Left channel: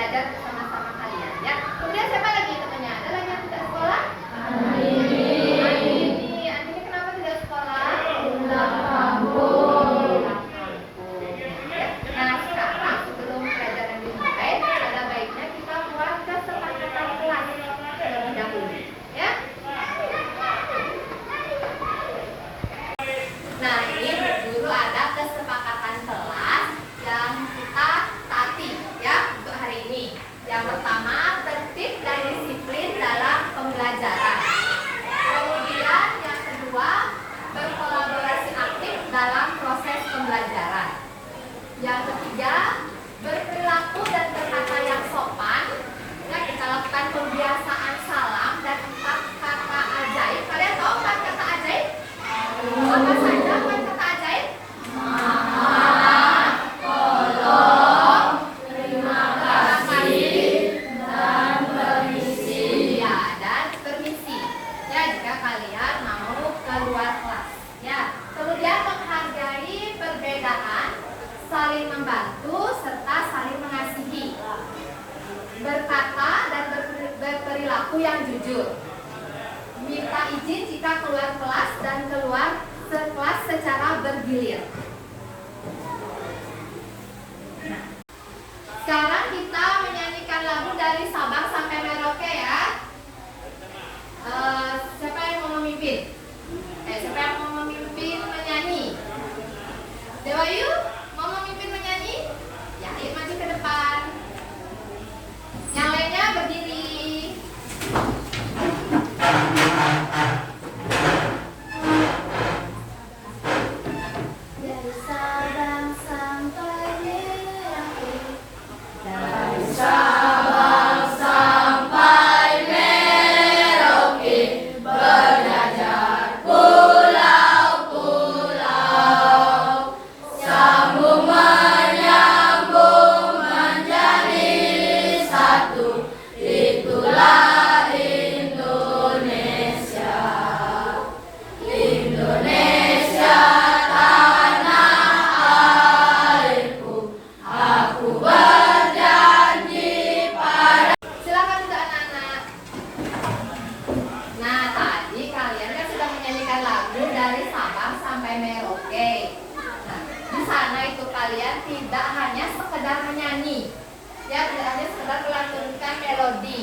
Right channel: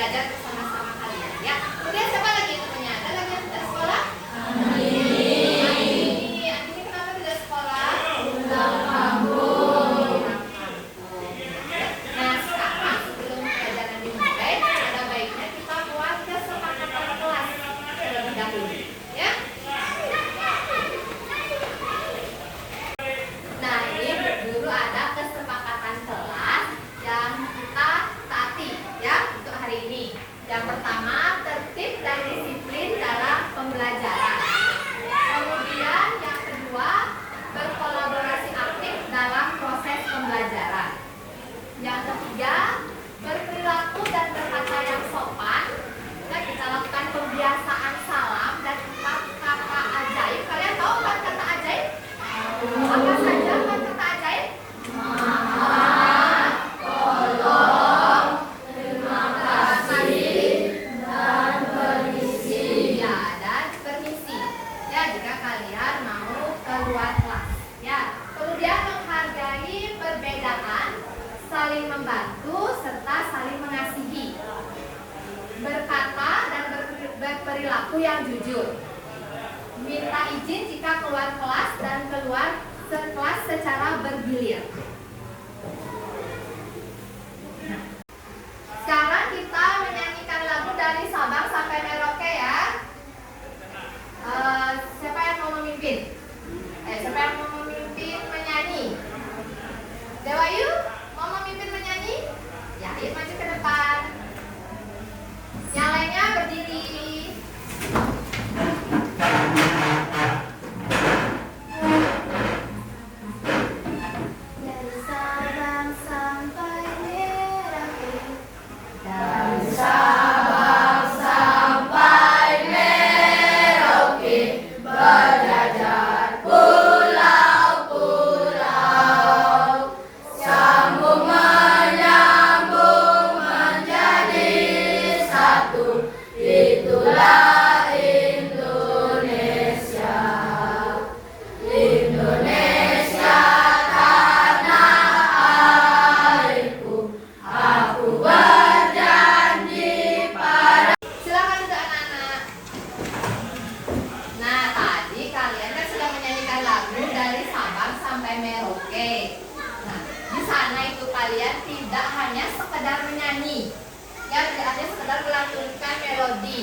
belajar bersama-sama kalian ya. Kemudian siapa lagi temannya? Ada lagi yang tidak sekolah? Andini kenapa tidak sekolah? Pulang kampung. Nah sekarang sebelum pelajaran dimulai, ada baiknya kita buat kesepakatan kelas terlebih dahulu ya. Nah ini dulu ada kesepakatan kelas yang kita taati ya untuk hari ini. Yang pertama, tertib dan disiplin dalam pembelajaran. Kemudian yang kedua, berkolaborasi aktif dalam proses pembelajaran. Yang ketiga, berperilaku dan berkata yang sopan. Ya, kita lakukan pembiasaan salam dan 4 kata ajaib. Kalian tahu 4 kata ajaib? Apa saja 4 kata ajaib? Maaf, tolong, terima kasih, dan permisi. Ya, dan permisi. Ya, jika kalian mau keluar kelas. Ya, kemudian menghargai perbedaan, saling membantu serta saling mengasihi. Berkata dan berperilaku yang jujur. Minta izin jika keluar kelas dan keluar kelas secara bergilir. Nah, sekarang kita menyanyikan lagu dari Sabang sampai Merauke ya. Siapa yang mau memimpin? Siapa yang mau memimpin menyanyi? Dewayu, mau memimpin menyanyi? Ya, ayo maju ke depan. Yang lainnya berdiri. Dari Sabang sampai Merauke. Dari Sabang sampai Merauke, berjajar pulau-pulau, sambung menyambung menjadi satu, itulah Indonesia. Indonesia tanah airku, aku berjanji pada. Silakan untuk anak-anak. Nah, tadi kalian kan sudah menyanyikan lagu dari Sabang sampai Merauke. Nah, di sana itu kalian tidak hanya sekedar menyanyi, ya, tidak hanya sekedar melantunkan melodi.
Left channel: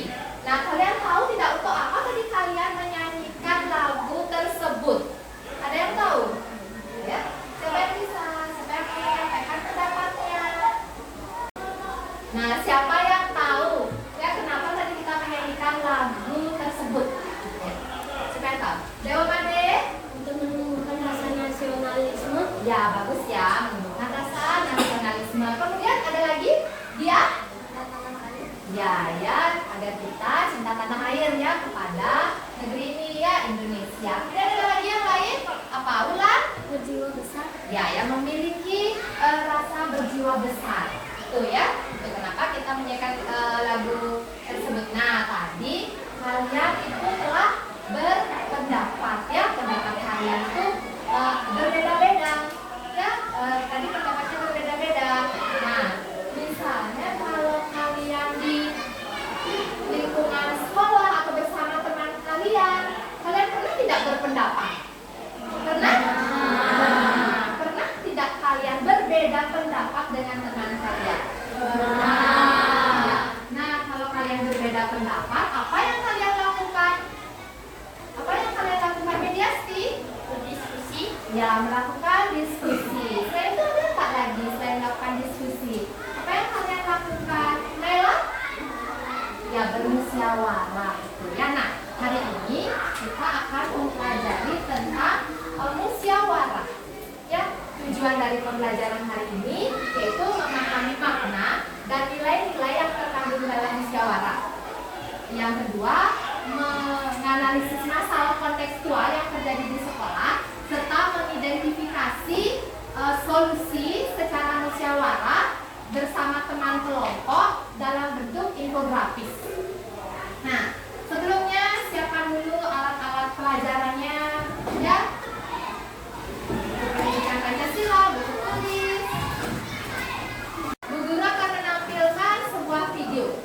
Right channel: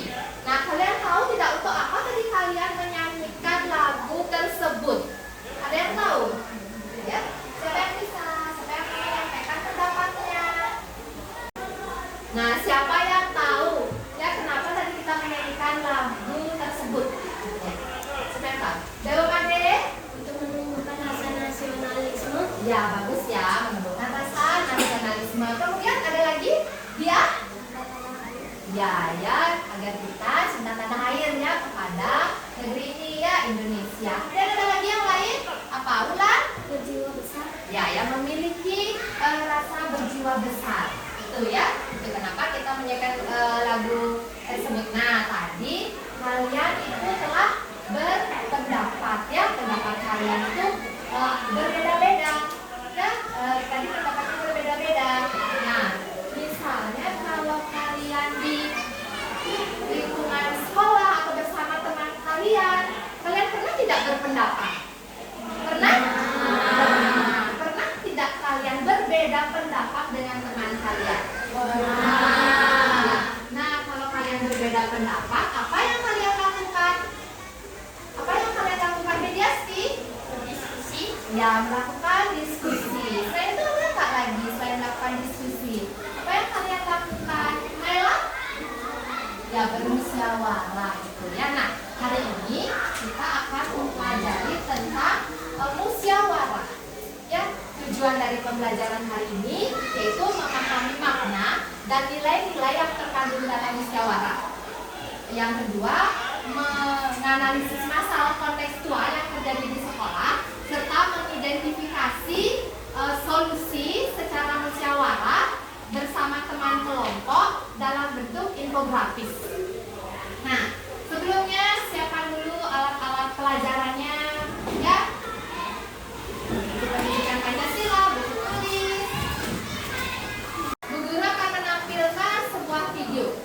Nah, kalian tahu tidak untuk apa tadi kalian menyanyikan lagu tersebut? Ada yang tahu? Ya, siapa yang bisa? Siapa yang mau menyampaikan pendapatnya? Nah, siapa yang tahu? Ya, kenapa tadi kita menyanyikan lagu tersebut? Siapa yang tahu? Dewa Pade? Untuk menumbuhkan rasa nasionalisme. Ya, bagus ya, menumbuhkan rasa nasionalisme. Kemudian ada lagi? Dia? Ya, agar kita cinta tanah airnya kepada negeri ini ya, Indonesia. Kemudian ada lagi yang lain? Apa, Ulan? Berjiwa besar. Ya, yang memiliki rasa berjiwa besar. Itu ya. Itu kenapa kita menyanyikan lagu tersebut. Nah, tadi kalian itu telah berpendapat ya, pendapat kalian itu berbeda-beda. Ya, tadi pendapatnya berbeda-beda. Nah, misalnya kalau kalian di lingkungan sekolah atau bersama teman kalian pernah tidak berpendapat? Pernah? Pernah tidak kalian berbeda pendapat dengan teman kalian? Nah, kalau kalian berbeda pendapat, apa yang kalian lakukan? Apa yang kalian lakukan? Mediasi? Berdiskusi. Ya, melakukan diskusi. Selain itu ada tak lagi selain melakukan diskusi? Apa yang kalian lakukan? Mela? Ya, bermusyawarah itu ya. Nah, hari ini kita akan mempelajari tentang musyawarah. Ya, tujuan dari pembelajaran hari ini yaitu memahami makna dan nilai-nilai yang terkandung dalam musyawarah. Yang kedua, menganalisis masalah kontekstual yang terjadi di sekolah serta mengidentifikasi solusi secara musyawarah bersama teman kelompok dalam bentuk infografis. Nah, sebelumnya siapkan dulu alat-alat pelajarannya ya. Pendidikan Pancasila, buku tulis. Bu Guru akan menampilkan sebuah video.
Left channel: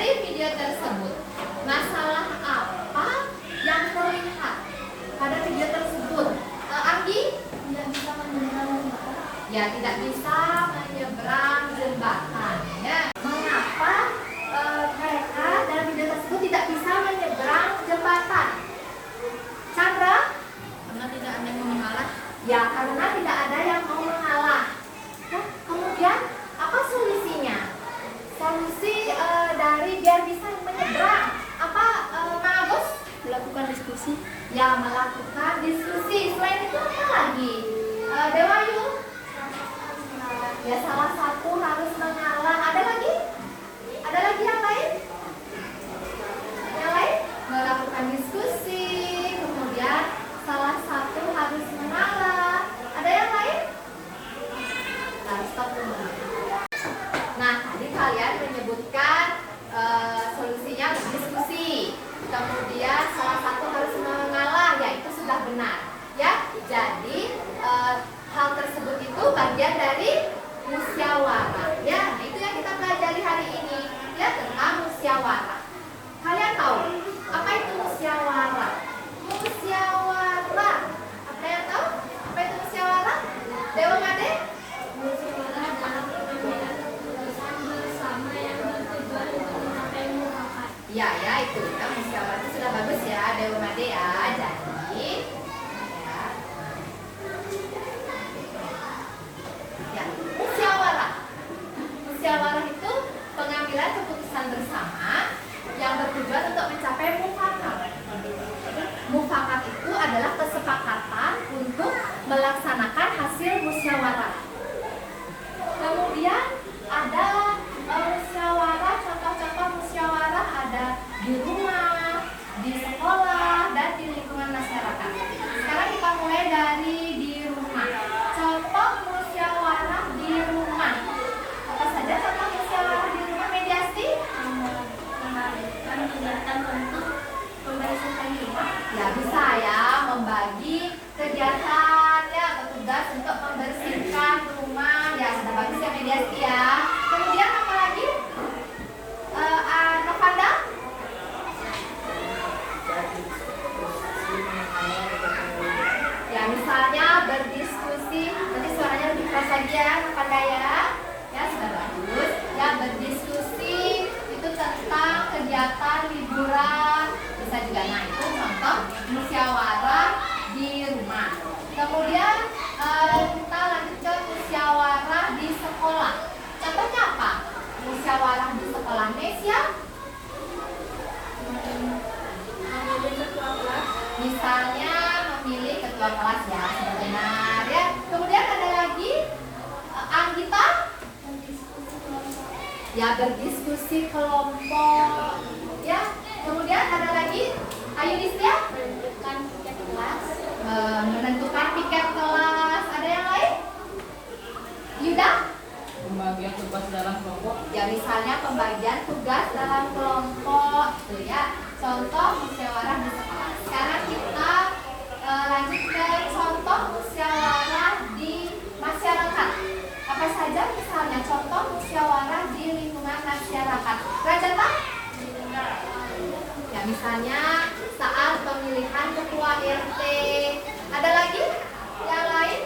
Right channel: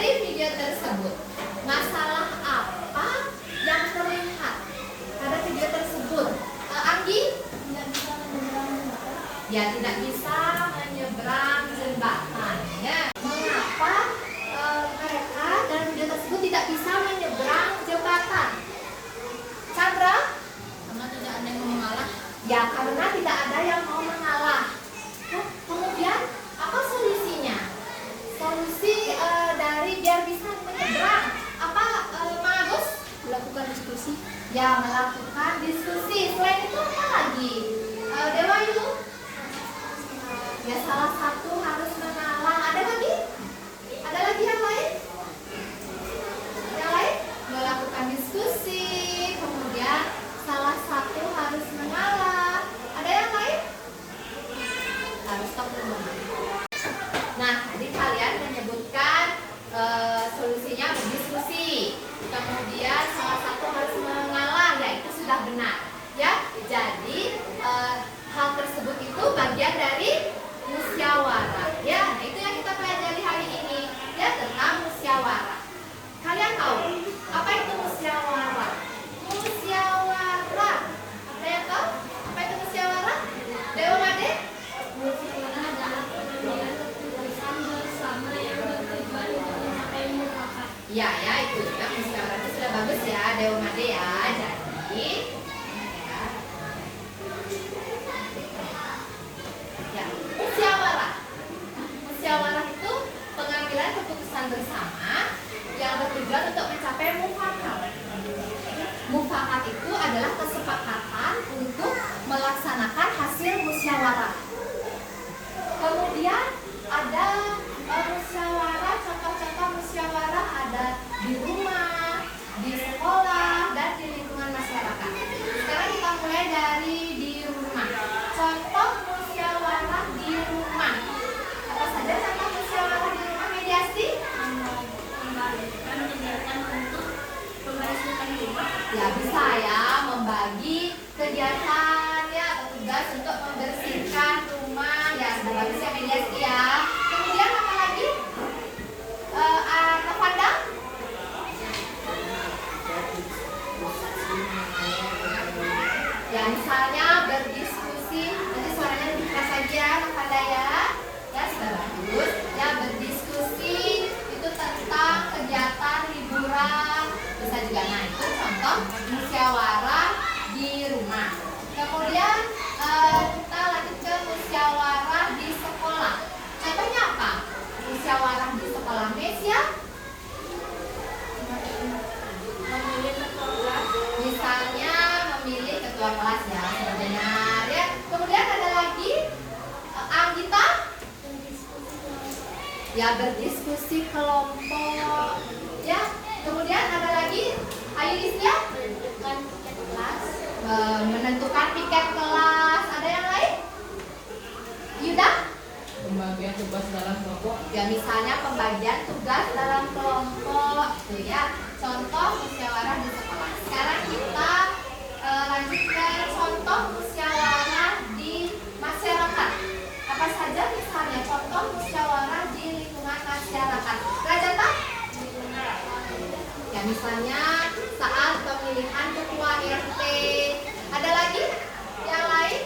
dari video tersebut, masalah apa yang terlihat pada video tersebut? Anggi? Tidak bisa menyeberang jembatan. Ya, tidak bisa menyeberang jembatan. Ya. Mengapa mereka dalam video tersebut tidak bisa menyeberang jembatan? Chandra? Karena tidak ada yang mengalah. Ya, karena tidak ada yang mau mengalah. Nah, kemudian apa solusinya? Solusi dari biar bisa menyeberang apa, Agus? Melakukan diskusi. Ya, melakukan diskusi. Selain itu apa lagi? Dewa itu? Ya, salah satu harus mengalah. Ada lagi? Ada lagi yang lain? Ada yang lain? Melakukan diskusi. Kemudian salah satu harus mengalah. Ada yang lain? Harus stop dulu. Nah, tadi kalian menyebutkan solusinya berdiskusi. Kemudian salah satu harus mengalah, ya itu sudah benar. Ya, jadi hal tersebut itu bagian dari musyawarah. Ya, nah itu yang kita pelajari hari ini, ya tentang musyawarah. Kalian tahu apa itu musyawarah? Musyawarah. Ada yang tahu apa itu musyawarah? Dewa Made? Musyawarah adalah pengambilan keputusan bersama yang bertujuan untuk mencapai mufakat. Ya, ya itu. Nah, musyawarah itu sudah bagus ya, Dewa Made ya. Jadi, ya, musyawarah. Musyawarah itu pengambilan keputusan bersama yang bertujuan untuk mencapai mufakat. Mufakat itu adalah kesepakatan untuk melaksanakan hasil musyawarah. Kemudian ada musyawarah, contoh-contoh musyawarah ada di rumah, di sekolah, dan di lingkungan masyarakat. Sekarang kita mulai dari di rumah. Contoh musyawarah di rumah. Apa saja contoh musyawarah di rumah, Mediasti? Membagikan kegiatan untuk membersihkan rumah. Ya bisa ya, membagi kegiatan ya atau tugas untuk membersihkan rumah. Ya sudah bagus ya Mediasti ya. Kemudian apa lagi? Novanda? Ya misalnya berdiskusi, nanti suaranya lebih keras lagi ya Novanda ya. Ya sudah bagus. Ya berdiskusi itu tentang kegiatan liburan. Bisa juga, nah itu contoh musyawarah di rumah. Kemudian kita lanjut ke musyawarah di sekolah. Contohnya apa? Musyawarah di sekolah Nesia. Memilih ketua kelas. Misalnya memilih ketua kelas ya, sudah benar ya. Kemudian ada lagi Anggita. Ya berdiskusi kelompok. Ya. Kemudian ada lagi Ayu Listia. Menentukan tiket kelas. Menentukan tiket kelas. Ada yang lain? Yuda? Pembagian tugas dalam kelompok. Ya misalnya pembagian tugas dalam kelompok itu ya. Contoh musyawarah di sekolah. Sekarang kita lanjut ke contoh musyawarah di masyarakat. Apa saja misalnya contoh musyawarah di lingkungan masyarakat? Rajata? Ya misalnya saat pemilihan ketua RT. Ada lagi? Yang lain?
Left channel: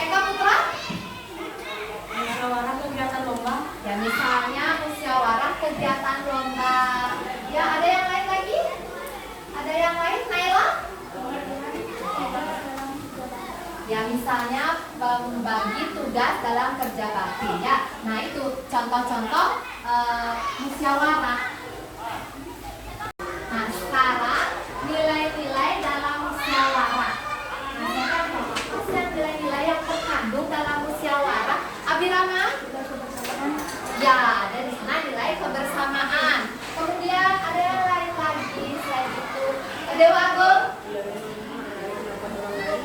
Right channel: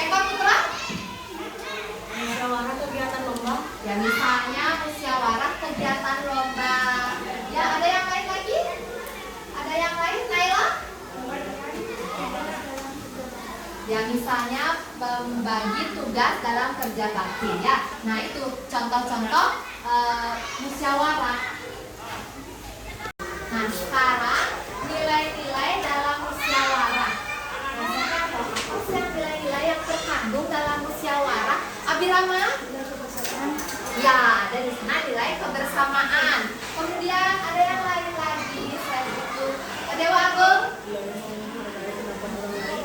Eka Putra? Musyawarah kegiatan lomba. Ya misalnya musyawarah kegiatan lomba. Ya ada yang lain lagi? Ada yang lain? Naila? Ya misalnya membagi tugas dalam kerja bakti ya. Nah itu contoh-contoh musyawarah. Nah sekarang nilai-nilai dalam musyawarah. Misalnya apa sih yang nilai-nilai yang terkandung dalam musyawarah? Abirama? Ya, dari sana nilai kebersamaan. Kemudian ada yang lain lagi selain itu. Dewa Agung?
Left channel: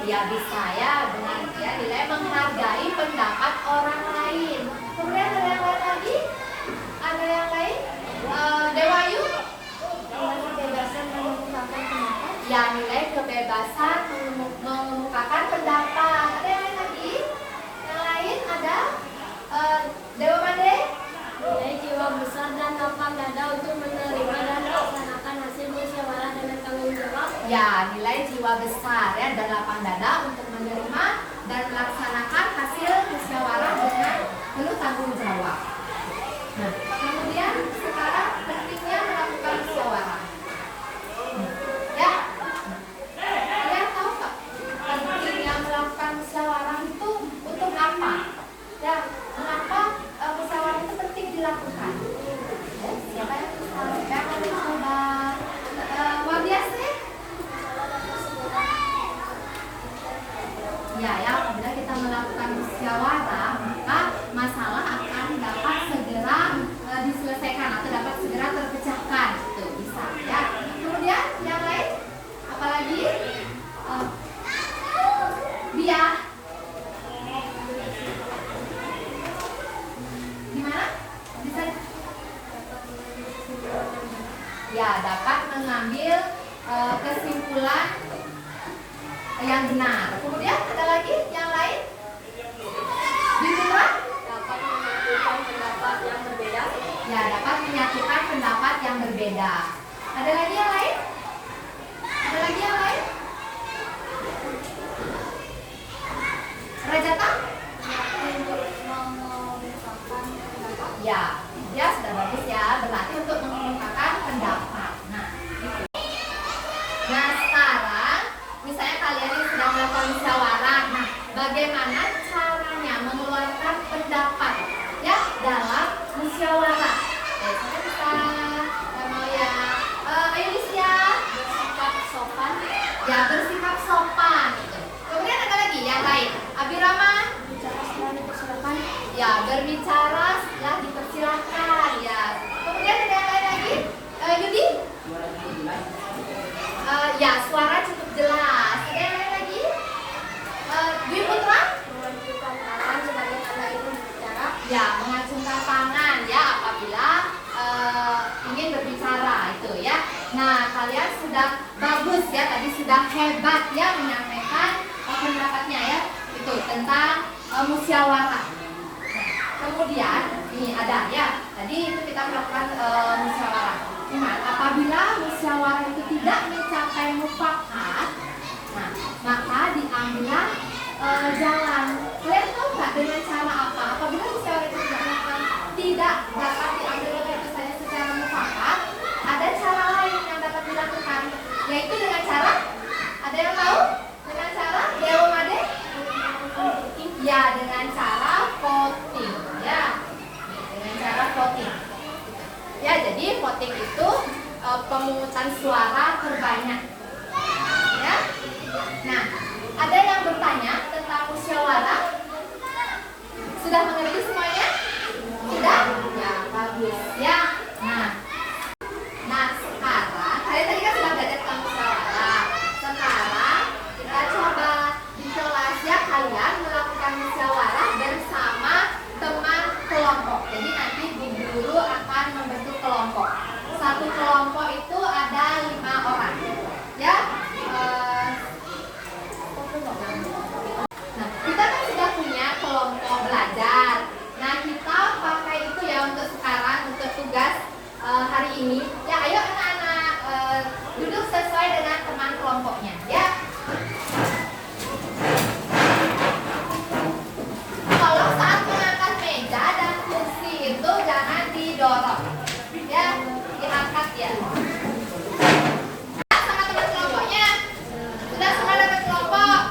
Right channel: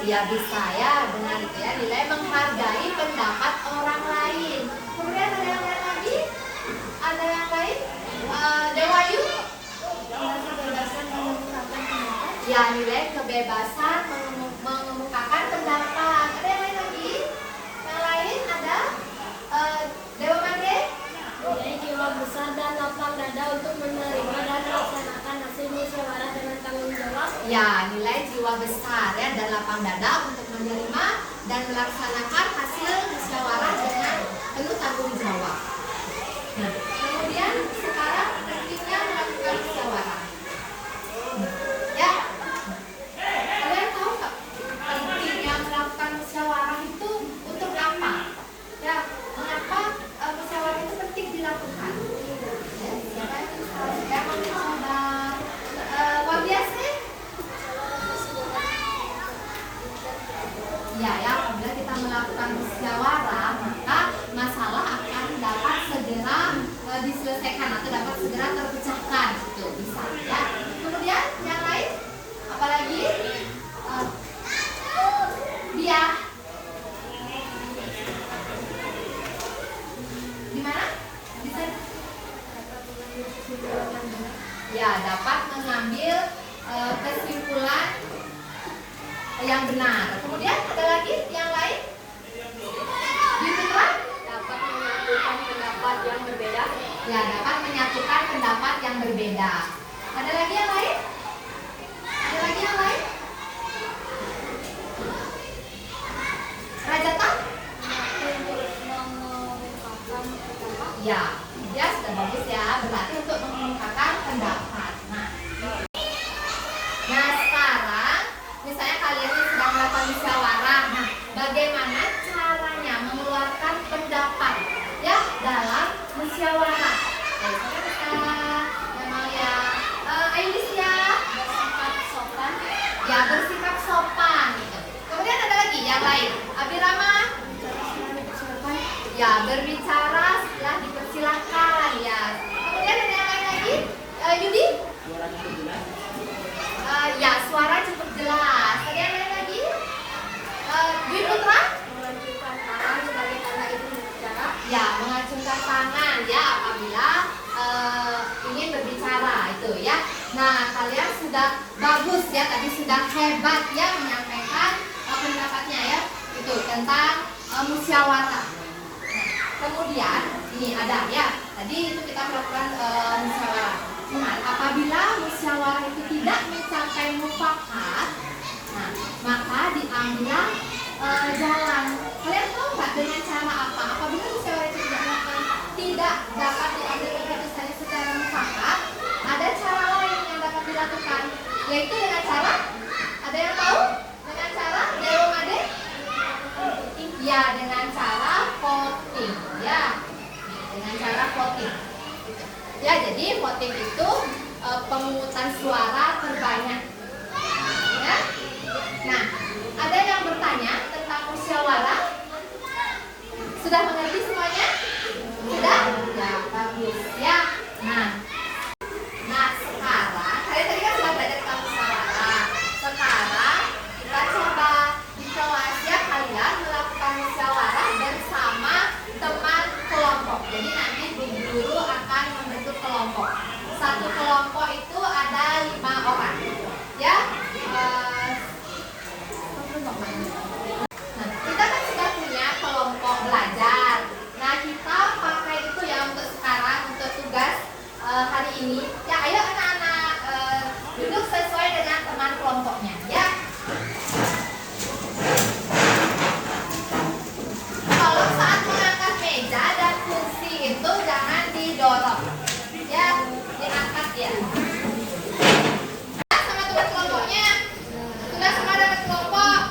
Ya bisa ya, dengan ya nilai menghargai pendapat orang lain. Kemudian ada yang lain lagi? Ada yang lain? Dewa Ayu? Kebebasan mengemukakan pendapat. Ya nilai kebebasan mengemukakan pendapat. Ada yang lain lagi? Yang lain ada? Dewa Made? Nilai jiwa besar dan lapang ketua besar ya dan lapang dada untuk menerima dan melaksanakan hasil musyawarah dengan penuh tanggung jawab. Nah, kemudian sekarang pentingnya melakukan musyawarah. Ya, kalian tahu nggak pentingnya melakukan musyawarah itu untuk apa? Ya, mengapa musyawarah itu penting dilakukan? Ya, siapa yang tahu? Siapa yang mau coba? Biasa? Ya, apabila kita melakukan musyawarah, maka masalah akan dapat segera diselesaikan atau dapat segera terpecahkan. Itu bisa ya. Kemudian yang lain, apalagi dia gimana? Bisa ya dapat mengambil kesimpulan yang benar. Kemudian ada lagi yang lain? Dibuat dapat menyatukan pendapat yang berbeda. ya dapat menyatukan pendapat yang berbeda. Ada lagi yang lain? Ada lagi yang lain? Rajata? Untuk mengungkapkan pendapat. Ya, ya sudah bagus ya. Berarti untuk mengungkapkan pendapat. Nah sekarang misalnya kalian ini sedang melakukan musyawarah. Nah, bagaimana caranya mengeluarkan pendapat ya dalam musyawarah? Saya bisa Amalia, Ailisya, Bersikap sopan. ya bersikap sopan gitu. Kemudian ada lagi yang lain. Abirama, Bicara setelah dipersilakan. ya berbicara setelah dipersilakan ya. Kemudian ada yang lain lagi. Yudi, ya suara cukup jelas. Ada yang lain lagi? Dwi Putra? Mengajukan tangan sebagai tanda izin berbicara. Ya, mengacungkan tangan ya apabila ingin berbicara itu ya. Nah, kalian sudah bagus ya, tadi sudah hebat ya menyampaikan pendapatnya ya. Itu tentang musyawarah. Nah, kemudian ini ada ya. Tadi itu kita melakukan musyawarah. Nah, apabila musyawarah itu tidak mencapai mufakat, nah, maka diambillah jalan. Kalian tahu nggak dengan cara apa? Apabila musyawarah itu tidak dapat diambil keputusannya secara mufakat, ada cara lain yang dapat dilakukan, yaitu dengan cara, ada yang tahu? Dengan cara Dewa Made? Ya, dengan cara voting. Ya, dengan cara voting. Ya, jadi voting itu pemungutan suara terbanyak. Ya. Nah, ada yang bertanya tentang musyawarah? Sudah mengerti semuanya? Sudah? Ya, bagus. Ya. Nah sekarang kalian tadi kan sudah belajar tentang musyawarah. Sekarang kita coba di kelas ya kalian melakukan musyawarah bersama teman kelompok. Jadi nanti Bu Guru akan membentuk kelompok. Satu kelompok itu ada 5 orang. Ya. Nah, kita kan sudah punya kelompok belajar. Nah, kita pakai itu ya untuk sekarang untuk tugas hari ini. Ya, ayo anak-anak duduk sesuai dengan teman kelompoknya, ya. Kalau saat mengangkat meja dan kursi itu jangan didorong, ya, diangkat ya. Sama teman kelompoknya, sudah semua dapat kelompok,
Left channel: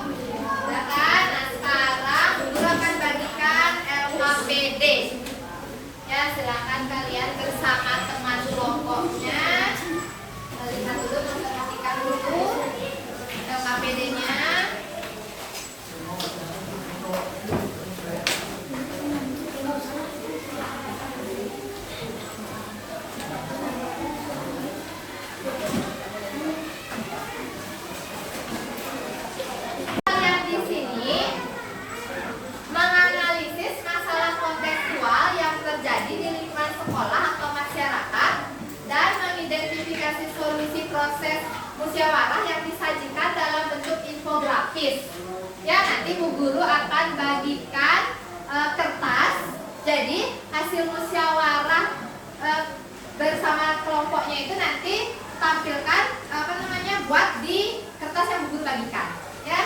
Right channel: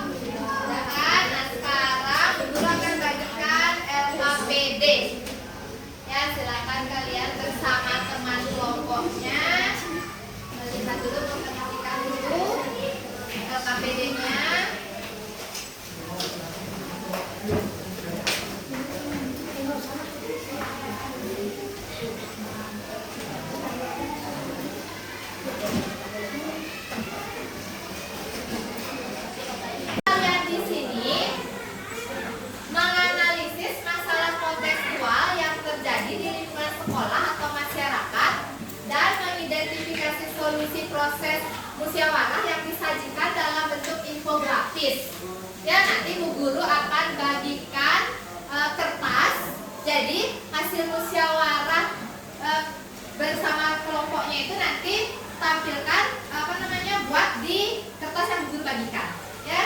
sudah kan? Nah sekarang guru akan bagikan LKPD. Ya silakan kalian bersama teman kelompoknya lihat dulu, perhatikan dulu LKPD-nya. Kalian di sini menganalisis masalah kontekstual yang terjadi di lingkungan sekolah atau masyarakat dan mengidentifikasi solusi proses musyawarah yang disajikan dalam bentuk infografis. Ya, nanti Bu Guru akan bagikan kertas. Jadi hasil musyawarah bersama kelompoknya itu nanti tampilkan buat di kertas kertas yang Bu Guru bagikan, ya.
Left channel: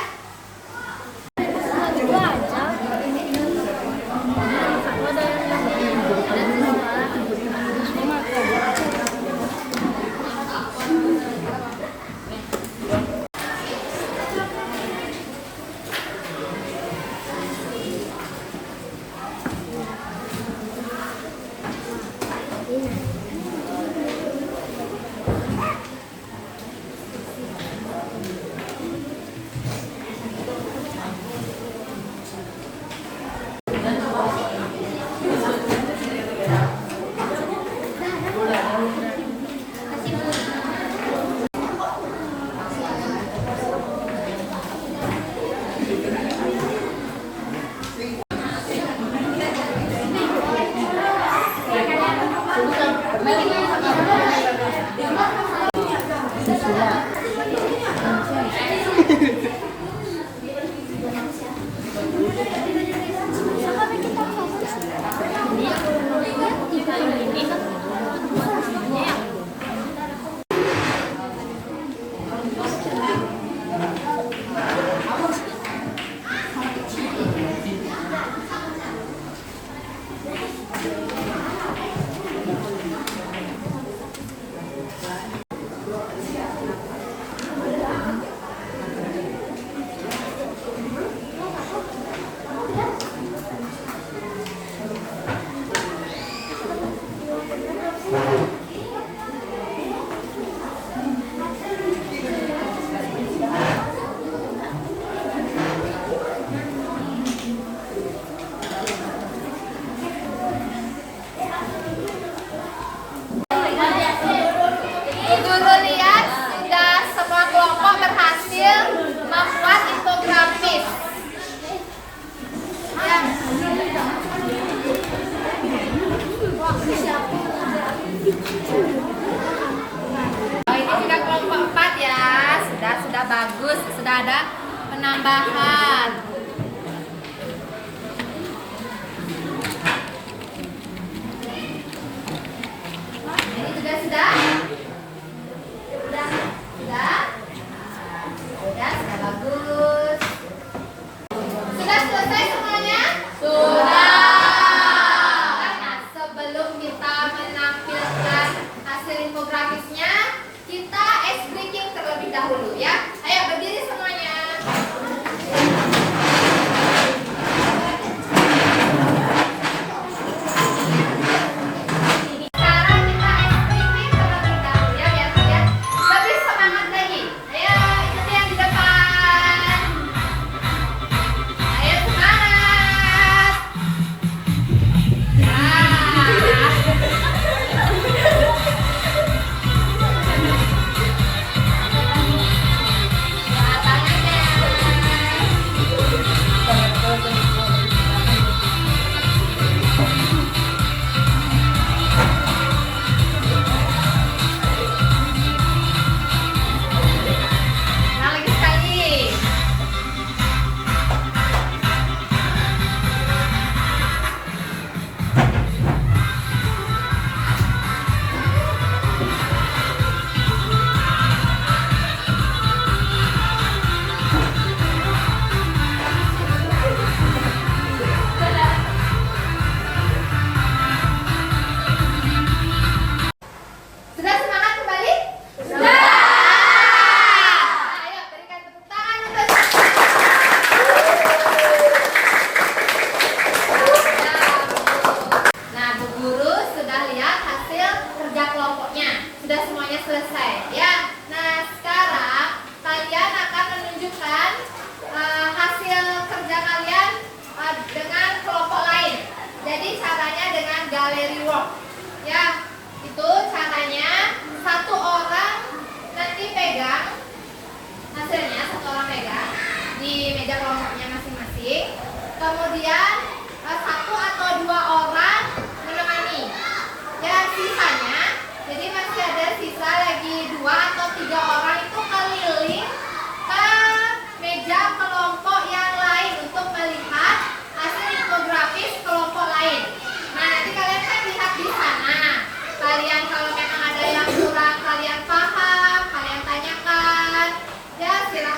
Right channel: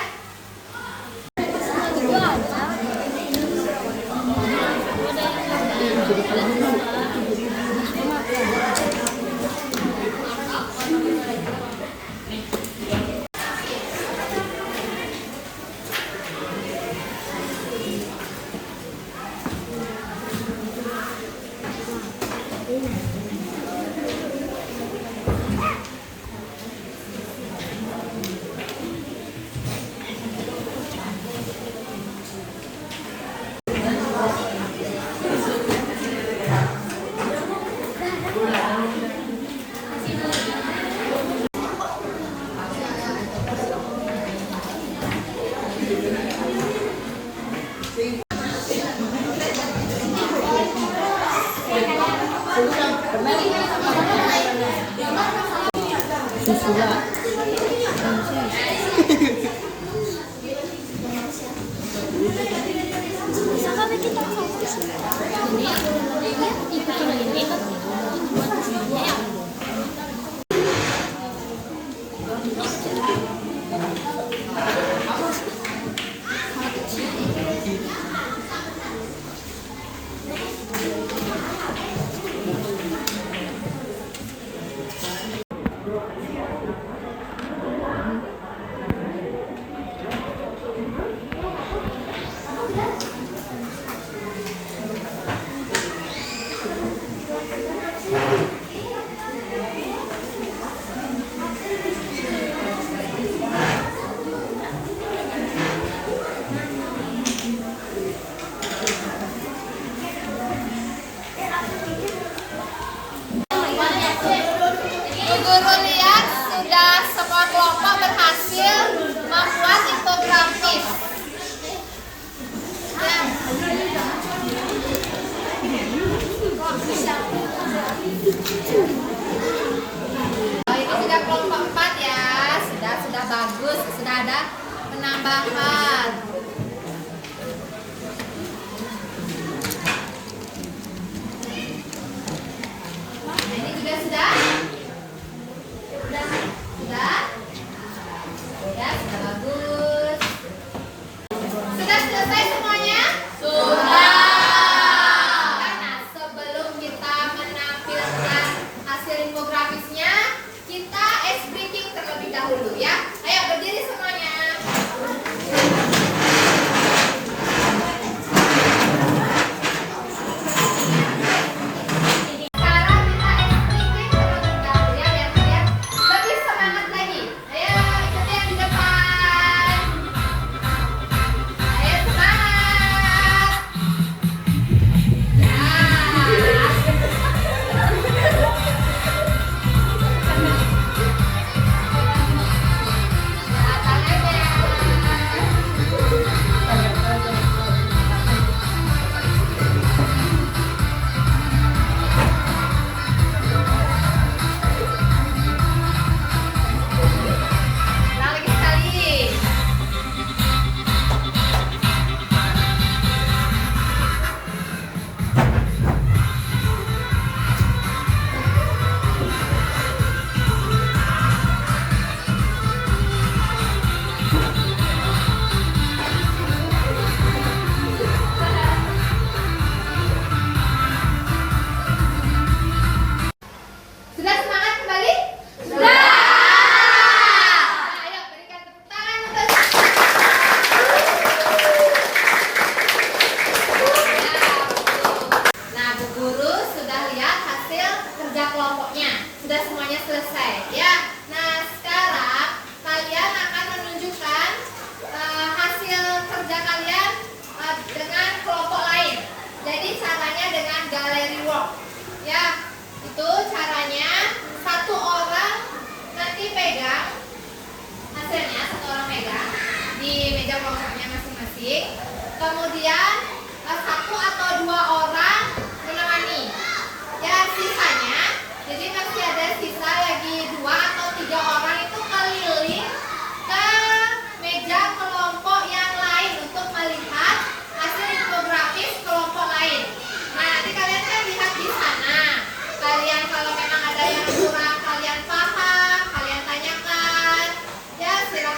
Bu Guru lihat sudah semua kelompok berhasil membuat infografis. Ini sudah kelompok 4 ya, sudah bagus, sudah ada penambahan. Ini juga sudah bagus. Sudah selesai semuanya? Sudah. Nah, sebelum kita menampilkan hasil infografisnya, kita ice breaking terlebih dahulu ya. Ayo berdiri semuanya. Kemudian 1 atau 2 orang menemani. Ya, sisanya, jadi masih ada sisa lagi 2 atau 3 orang itu keliling ke meja kelompok yang lain untuk melihat hasil infografis kelompok lain. Nah, nanti kalian kan lihat di sana. Kalian kalau memang ada yang kurang kalian paham, kalian tanyakan. Ya, silakan.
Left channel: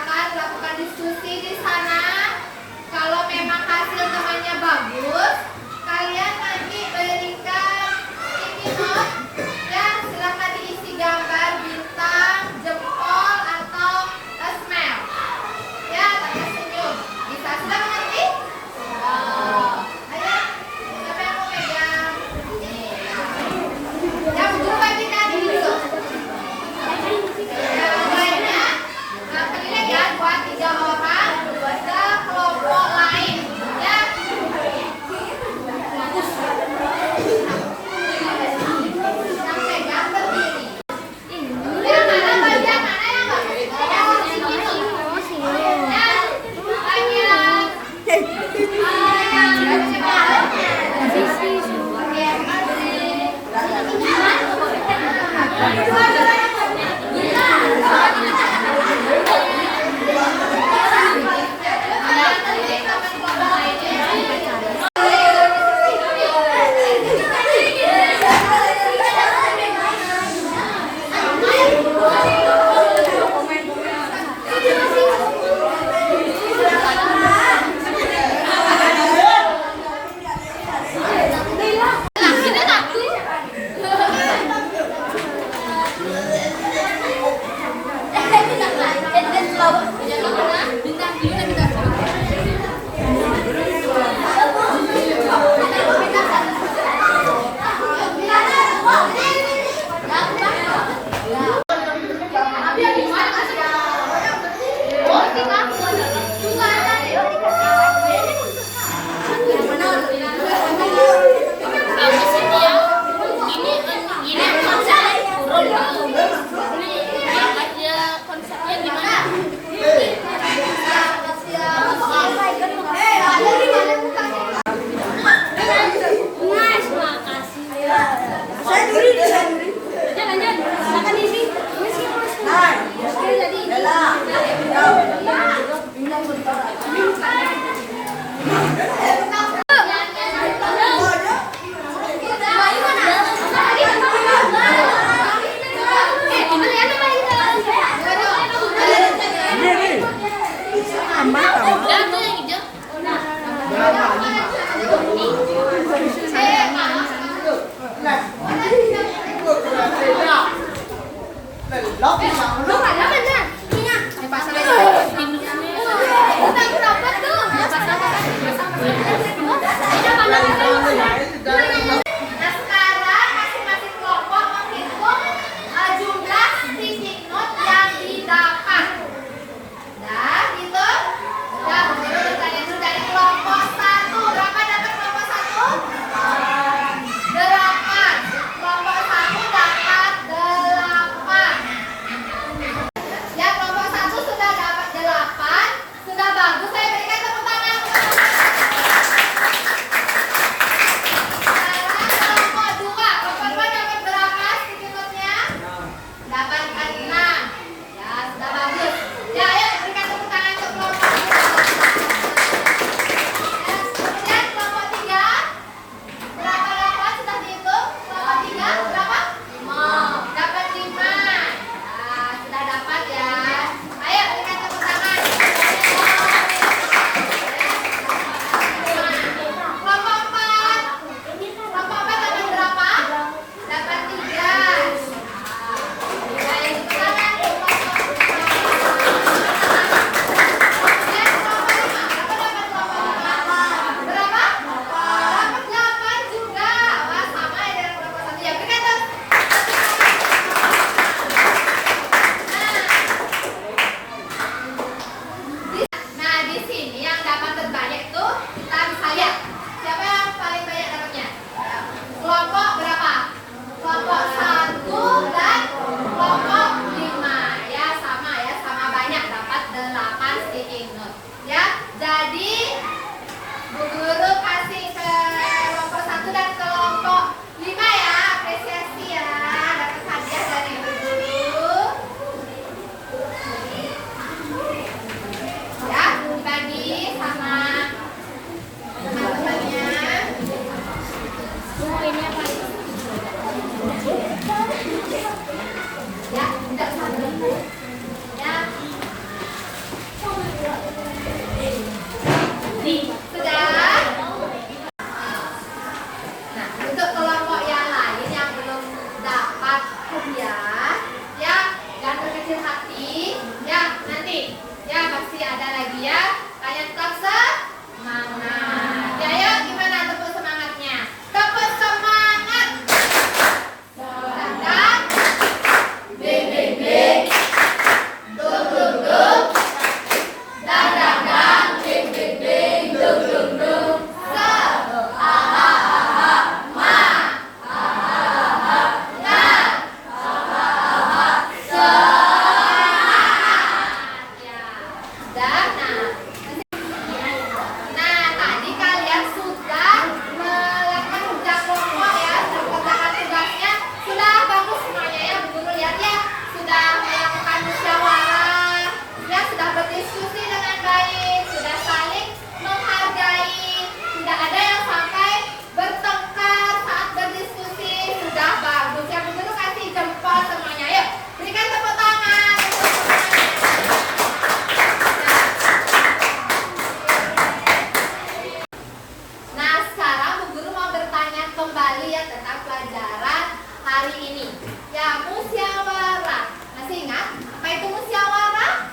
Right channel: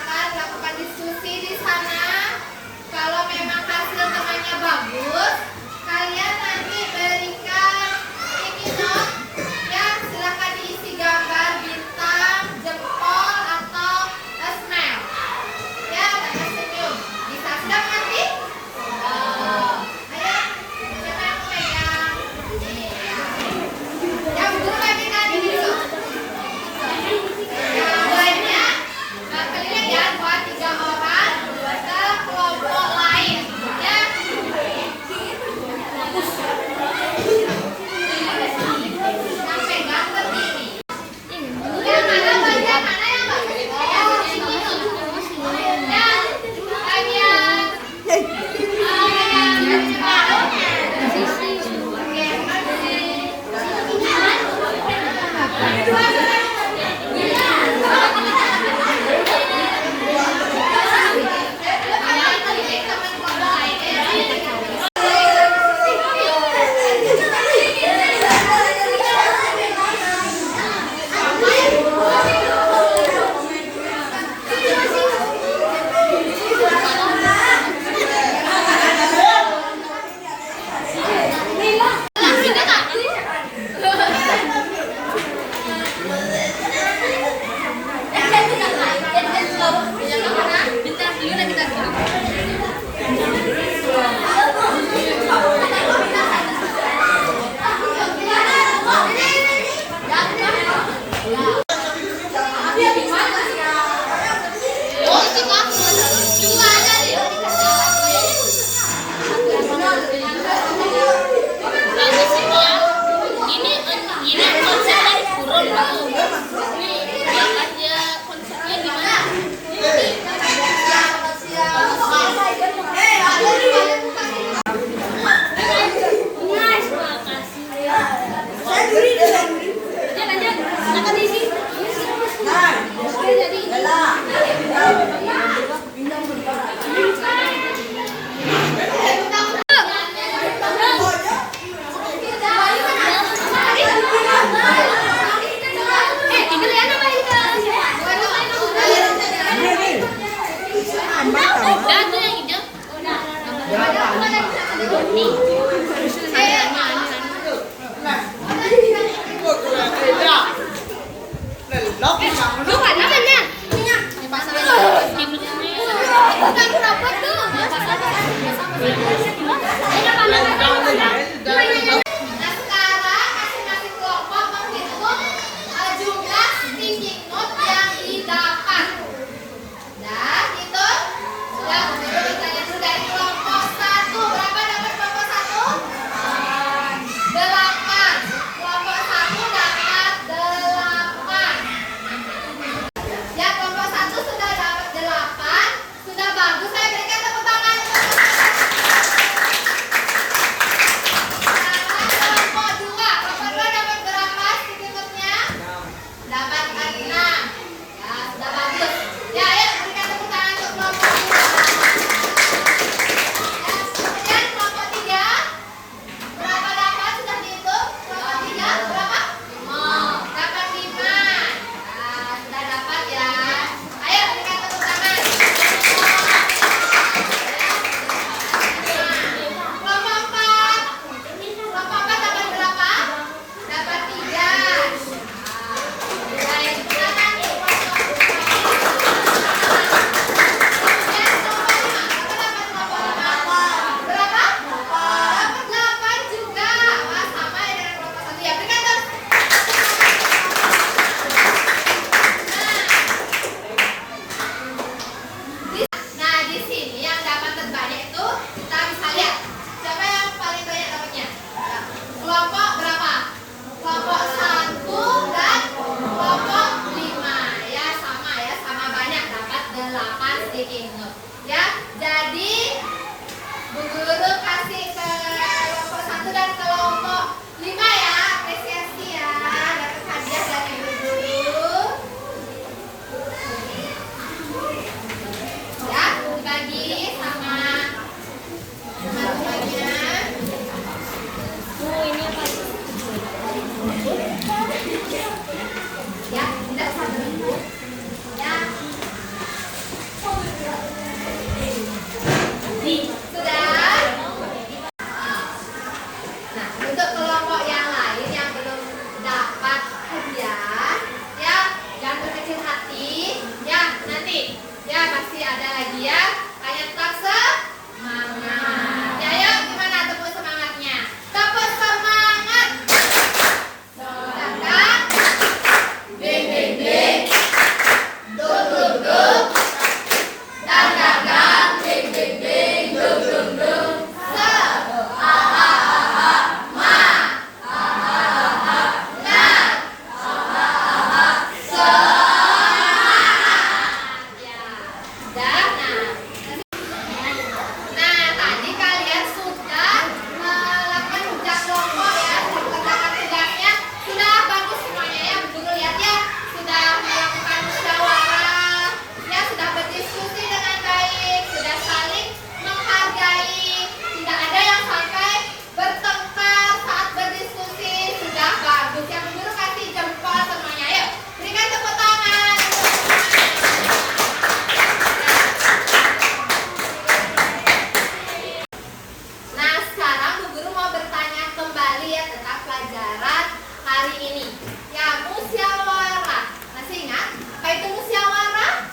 kembali ya tentang pelajaran hari ini. Ya, musyawarah. Masih ingat? Apa itu musyawarah?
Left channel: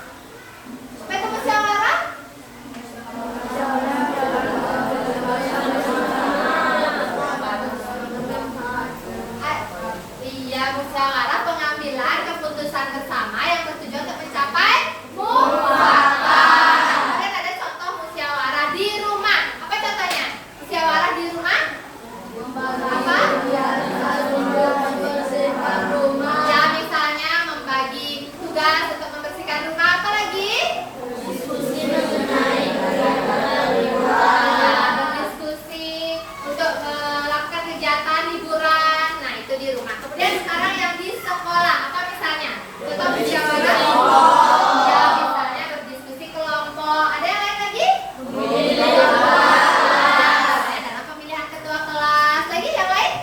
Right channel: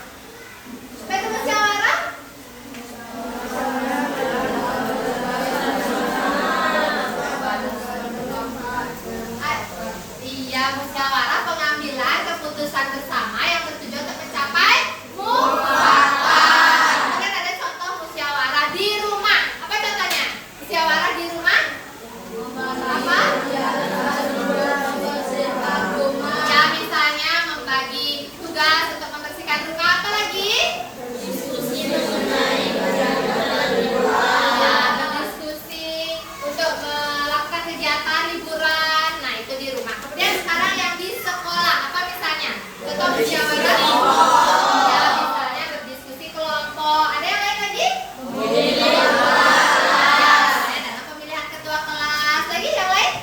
Apa itu musyawarah? Iya, musyawarah pengambilan keputusan bersama yang bertujuan untuk mencapai mufakat. Kemudian ada contoh musyawarah di rumah. Apa contohnya? Musyawarah di rumah? Apa? Ya, misalnya membagi tugas untuk membersihkan rumah. Apa lagi? Ya, berdiskusi untuk melakukan kegiatan liburan. Nah, itu di rumah. Kemudian sekarang yang di sekolah. Apa misalnya? Contoh musyawarah? Ya, misalnya berdiskusi kelompok. Ada yang lain lagi? Ya, dalam pemilihan ketua kelas. Lagi yang lain?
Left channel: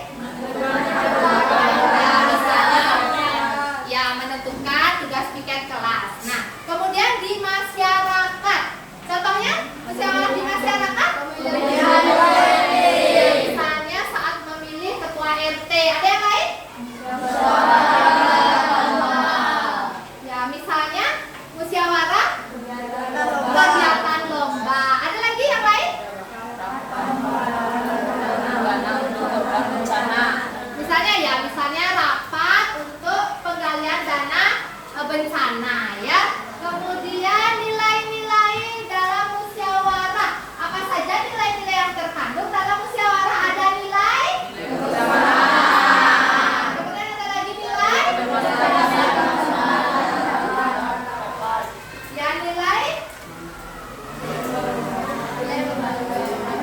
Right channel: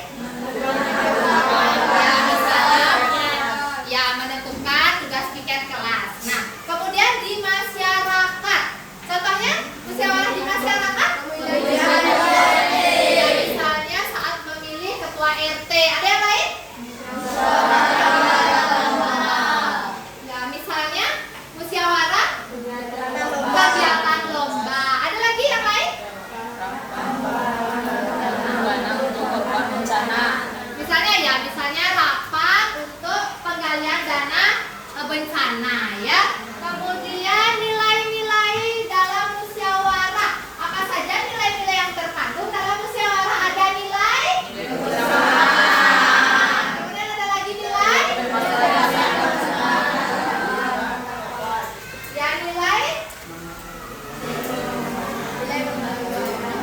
Ya, misalnya ya menentukan tugas piket kelas. Nah, kemudian di masyarakat. Contohnya musyawarah di masyarakat? Ya, misalnya saat memilih ketua RT. Ada yang lain? Ya, misalnya musyawarah kegiatan lomba. Ada lagi yang lain? Dana untuk korban bencana. Misalnya rapat untuk penggalian dana bencana ya. Kemudian nilai-nilai dalam musyawarah. Apa saja nilai-nilai yang terkandung dalam musyawarah? Ada nilai? Kemudian ada lagi nilai? Ya,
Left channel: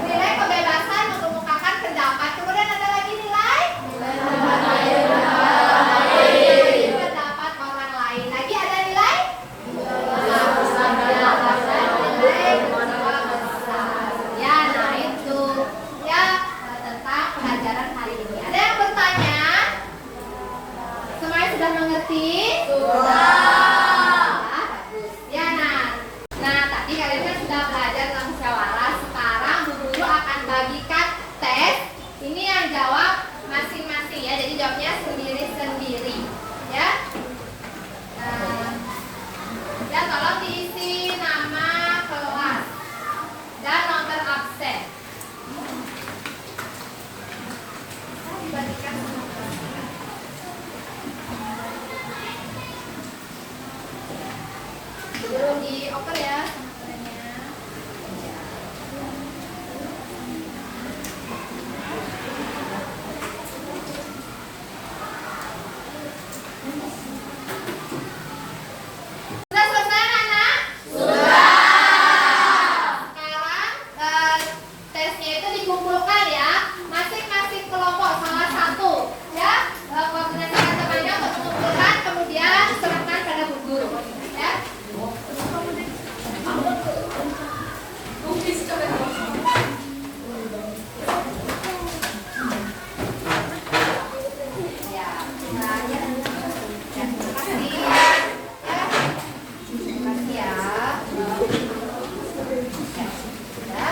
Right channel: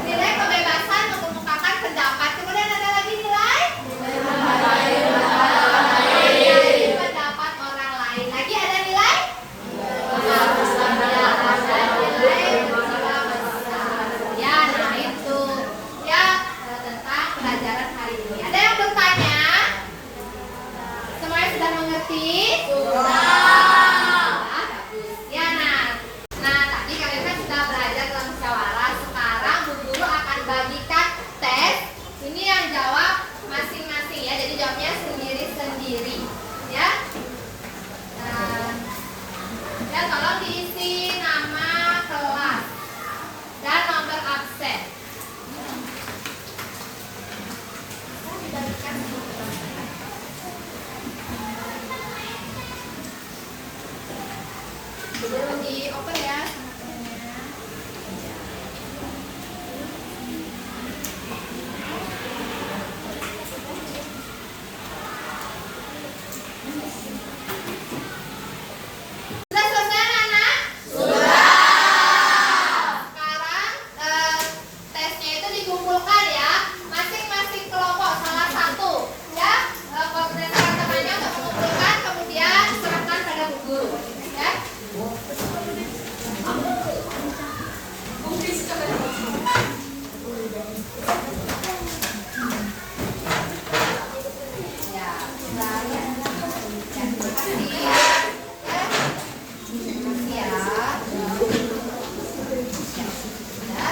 nilai kebebasan mengemukakan pendapat. Kemudian ada lagi nilai pendapat orang lain. Lagi ada nilai? Ya, ada nilai berjiwa besar. Ya, nah itu ya tentang pelajaran hari ini. Ada yang bertanya? Semuanya sudah mengerti? Sudah. Bagus. Ya, nah tadi kalian kan sudah belajar dalam musyawarah. Sekarang Bu Guru akan bagikan tes. Ini yang jawab masing-masing ya. Jadi jawabnya sendiri-sendiri. Ya. Ya, tolong diisi nama kelas dan nomor absen. Dibagikan semua kelas. Belum di open ya sama temennya. Sudah selesai anak? Sudah. Sekarang tesnya itu dikumpulkan ya. Masing-masing kelompok salah satu ya. Koordinator temannya untuk mengumpulkan kemudian serahkan pada Bu Guru ya. Ya, sudah ya. Ya, terima kasih. Ya. Terima kasih ya. Ya.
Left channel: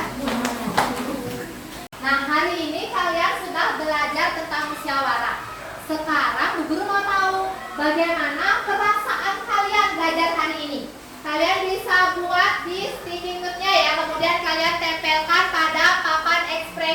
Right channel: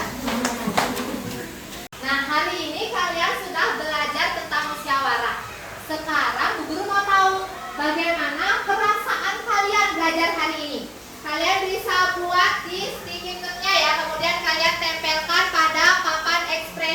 Nah, hari ini kalian sudah belajar tentang musyawarah. Sekarang Bu Guru mau tahu bagaimana perasaan kalian belajar hari ini. Kalian bisa buat di sticky note-nya ya, kemudian kalian tempelkan pada papan ekspresi